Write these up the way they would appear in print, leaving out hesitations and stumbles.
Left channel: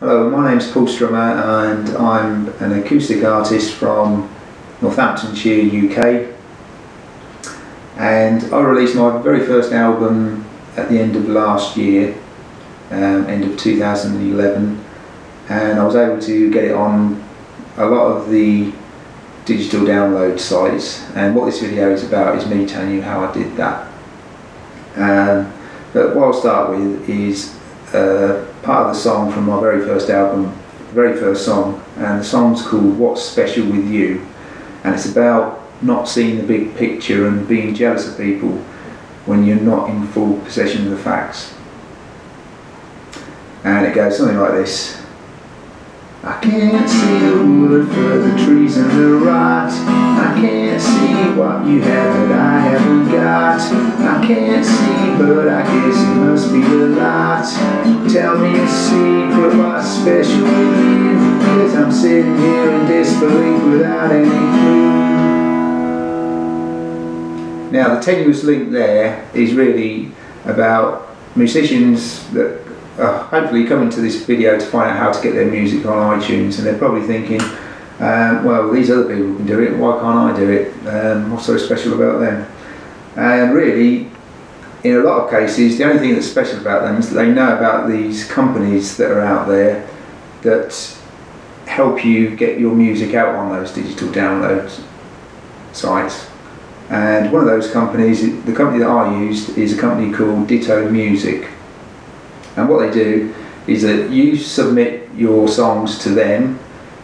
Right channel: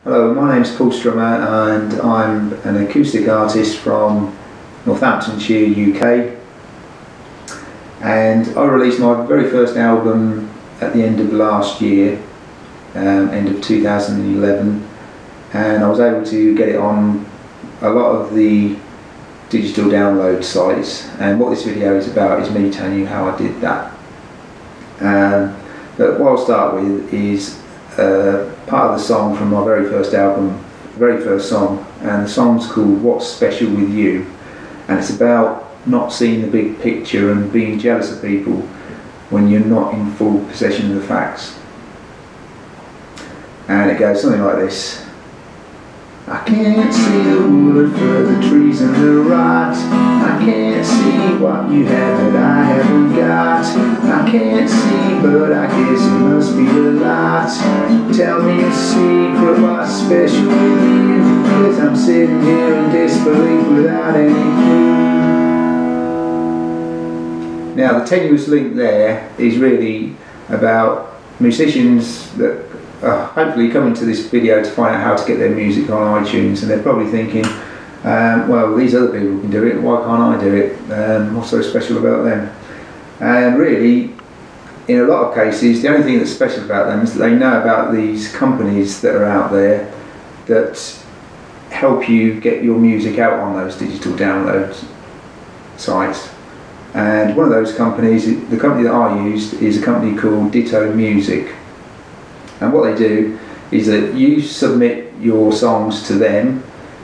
Hello, my name is Paul Strummer and I'm an acoustic artist from Northamptonshire, UK, and I released my very first album at the end of last year, end of 2011, and I was able to get it on a lot of the digital download sites, and what this video is about is me telling you how I did that. But what I'll start with is part of the song from my very first album, very first song, and the song's called What's Special With You, and it's about not seeing the big picture and being jealous of people when you're not in full possession of the facts. And it goes something like this. I can't see the wood for the trees and the rot. I can't see what you have that I haven't got. I can't see, but I guess it must be a lot. Tell me the secret, what's special with you? 'Cause I'm sitting here in disbelief without any clue. Now the tenuous link there is really about musicians that hopefully coming to this video to find out how to get their music on iTunes, and they're probably thinking, well, these other people can do it, why can't I do it? What's so special about them? And really, in a lot of cases, the only thing that's special about them is that they know about these companies that are out there that help you get your music out on those digital download sites. And one of those companies, the company that I use, is a company called Ditto Music. And what they do is that you submit your songs to them,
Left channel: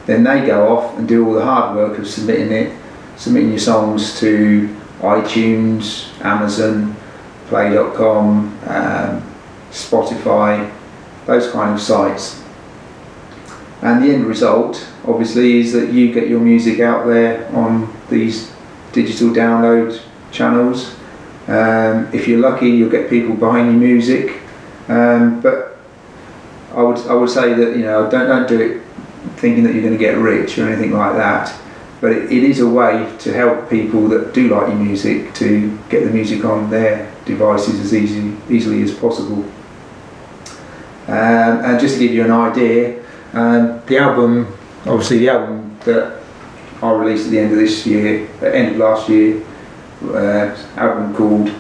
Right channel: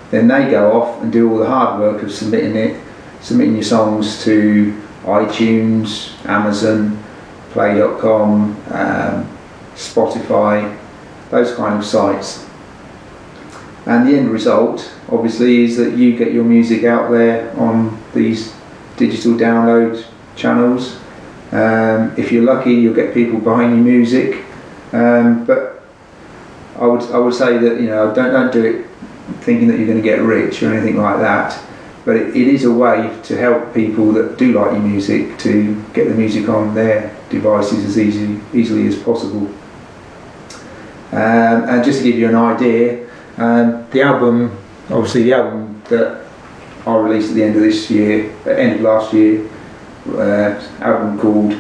then they go off and do all the hard work of submitting your songs to iTunes, Amazon, Play.com, Spotify, those kind of sites. And the end result, obviously, is that you get your music out there on these digital download channels. If you're lucky, you'll get people buying your music. But I would say that, you know, don't do it thinking that you're going to get rich or anything like that. But it is a way to help people that do like your music to get the music on their devices as easily as possible. And just to give you an idea, the album that I released at the end of this year, at the end of last year, album called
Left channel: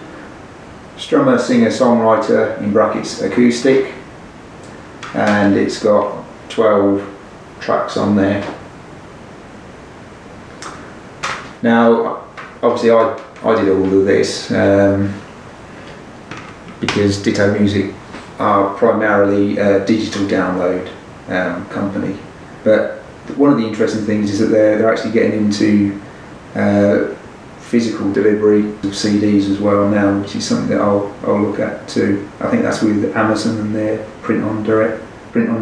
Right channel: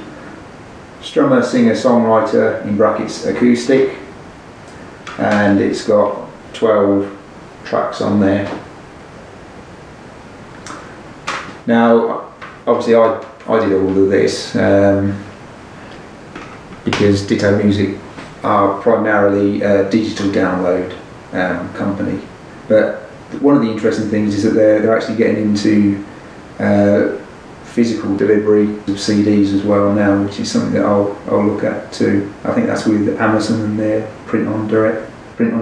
Strummer, singer-songwriter, in brackets, acoustic, and it's got 12 tracks on there. Now, obviously I did all of this because Ditto Music are primarily a digital download company, but one of the interesting things is that they're actually getting into physical delivery of CDs as well now, which is something that I'll look at too. I think that's with Amazon and their print on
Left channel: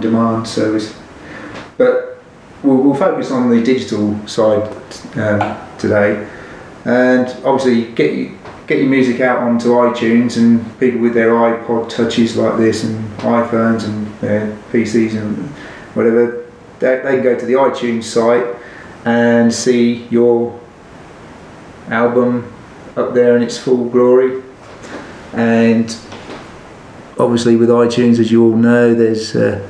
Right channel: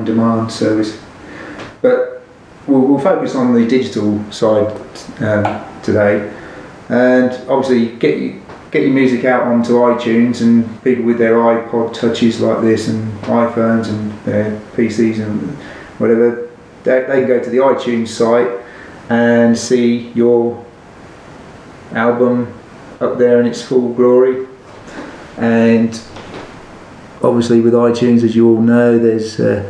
demand service. But we'll focus on the digital side today, and obviously get your music out onto iTunes, and people with their iPod touches like this and iPhones and their PCs and whatever, they can go to the iTunes site and see your album up there in its full glory. And obviously with iTunes, as you all know, there's a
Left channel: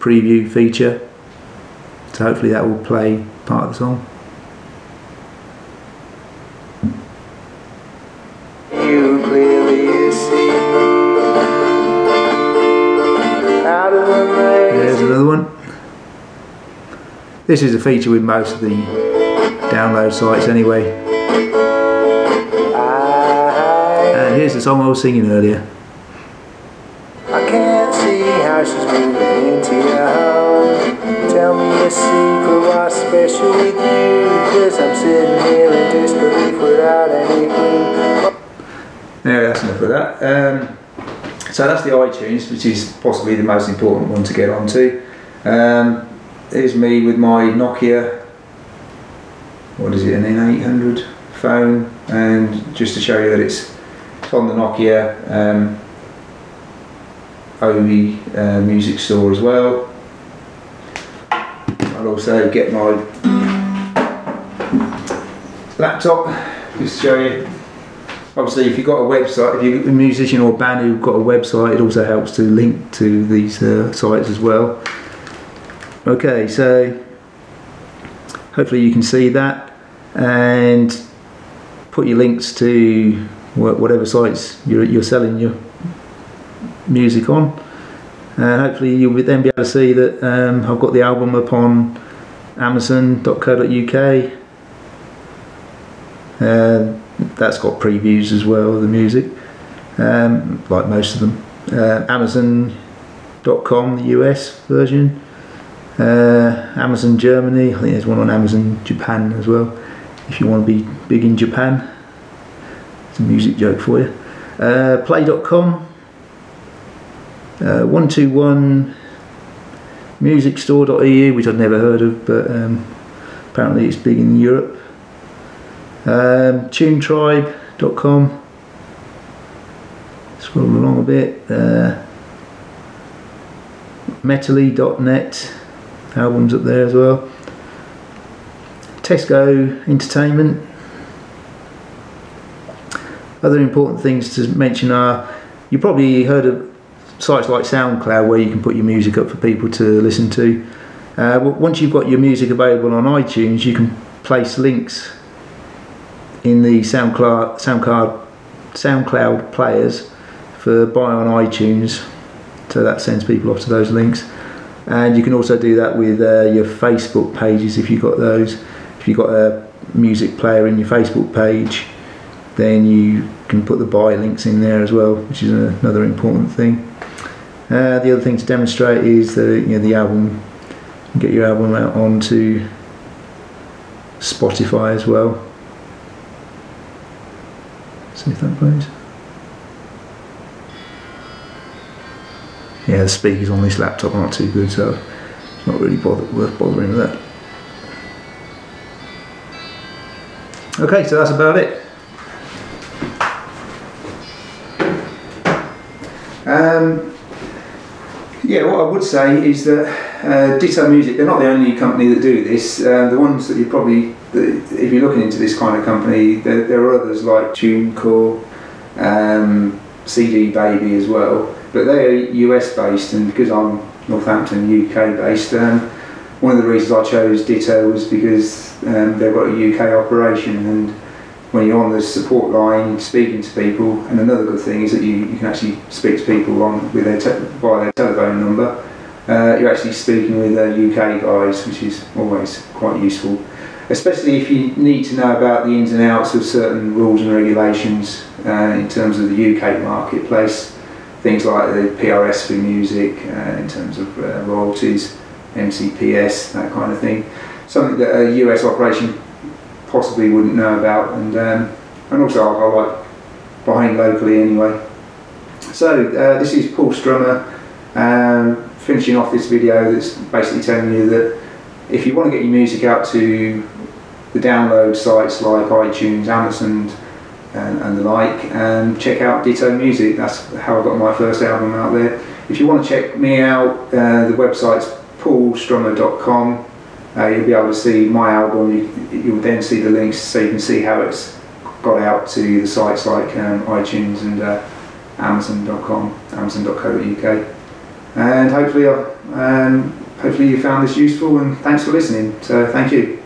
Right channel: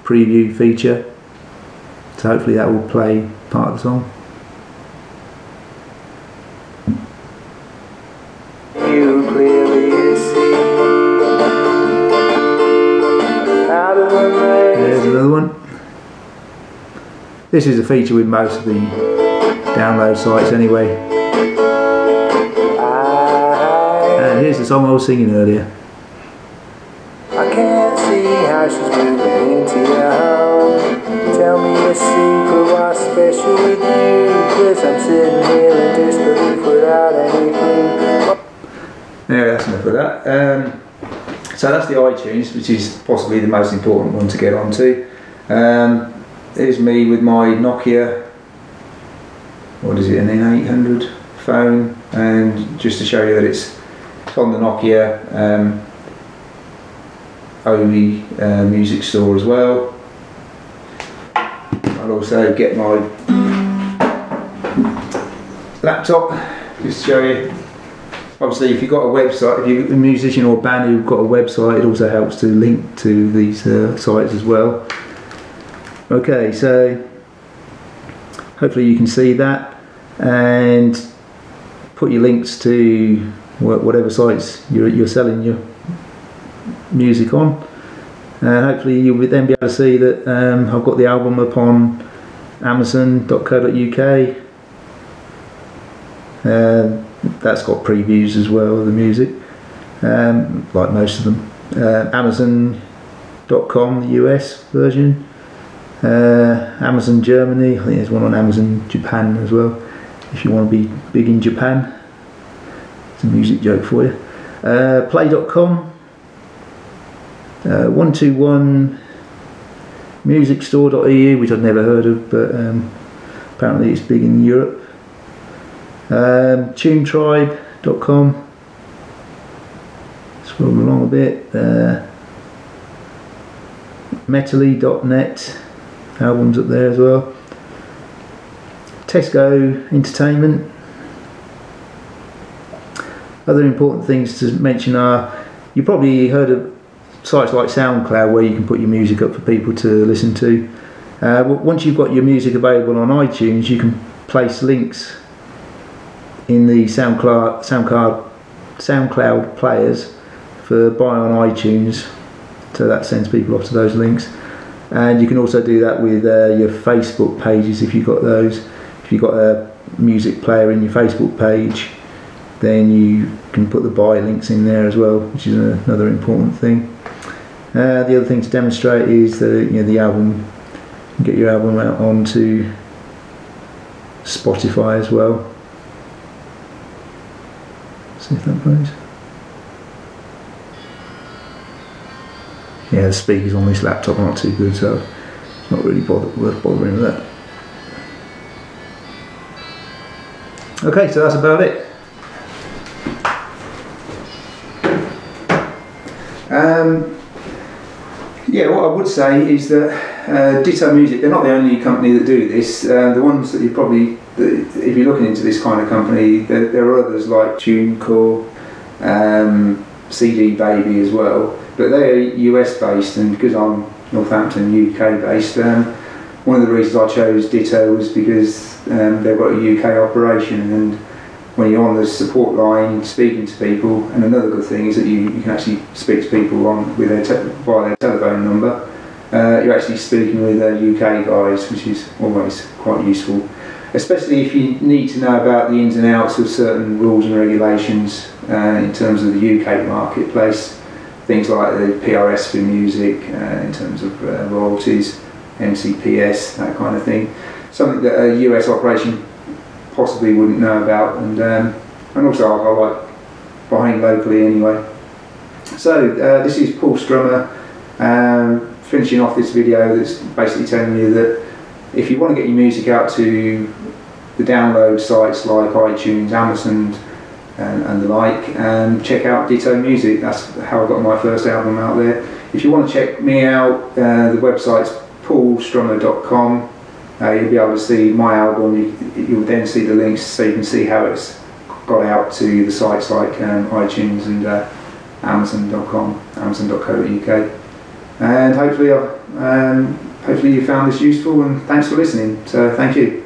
preview feature, so hopefully that will play part of the song. There's another one. This is a feature with most of the download sites anyway. And here's the song I was singing earlier. I can't see how she's moving into the home. Tell me a secret, what's special with you? 'Cause I'm sitting here in disbelief without any clue. Yeah, that's enough of that. So that's the iTunes, which is possibly the most important one to get onto. Here's me with my Nokia, what is it, an N800 phone, and just to show you that it's on the Nokia only music store as well. I'll also get my laptop, just to show you. obviously, if you've got a website, if you're a musician or a band who've got a website, it also helps to link to these sites as well. Okay, so hopefully you can see that, and put your links to whatever sites you're selling your music on. Hopefully you'll then be able to see that I've got the album up on Amazon.co.uk. That's got previews as well, the music, like most of them. Amazon.com, the US version. Amazon Germany, I think there's one on Amazon Japan as well, if you want to be big in Japan. It's a music joke for you. Play.com. 121musicstore.eu, which I've never heard of, but apparently it's big in Europe. Tunetribe.com. Scroll along a bit. Metally.net, albums up there as well. Tesco Entertainment. Other important things to mention are, you probably heard of sites like SoundCloud where you can put your music up for people to listen to. Once you've got your music available on iTunes, you can place links in the SoundCloud players for buying on iTunes, so that sends people off to those links. And you can also do that with your Facebook pages if you've got those. If you've got a music player in your Facebook page, then you can put the buy links in there as well, which is another important thing. The other thing to demonstrate is the album. You can get your album out onto Spotify as well. See if that plays. Yeah, the speakers on this laptop aren't too good, so it's not really worth bothering with that. Okay, so that's about it. Yeah, what I would say is that Ditto Music, they're not the only company that do this. The ones that you probably, if you're looking into this kind of company, there are others like TuneCore, CD Baby as well, but they're US based, and because I'm Northampton, UK based, one of the reasons I chose Ditto was because they've got a UK operation, and when you're on the support line speaking to people, and another good thing is that you can actually speak to people with via their telephone number. You're actually speaking with UK guys, which is always quite useful, especially if you need to know about the ins and outs of certain rules and regulations in terms of the UK marketplace, things like the PRS for music, in terms of royalties, MCPS, that kind of thing. Something that a US operation possibly wouldn't know about, and also I like buying locally anyway. So this is Paul Strummer, finishing off this video that's basically telling you that if you want to get your music out to the download sites like iTunes, Amazon and the like, check out Ditto Music. That's how I got my first album out there. If you want to check me out, the website's paulstrummer.com. You'll be able to see my album. You'll then see the links so you can see how it's got out to sites like iTunes and Amazon.com, Amazon.co.uk. And hopefully you found this useful, and thanks for listening. So thank you.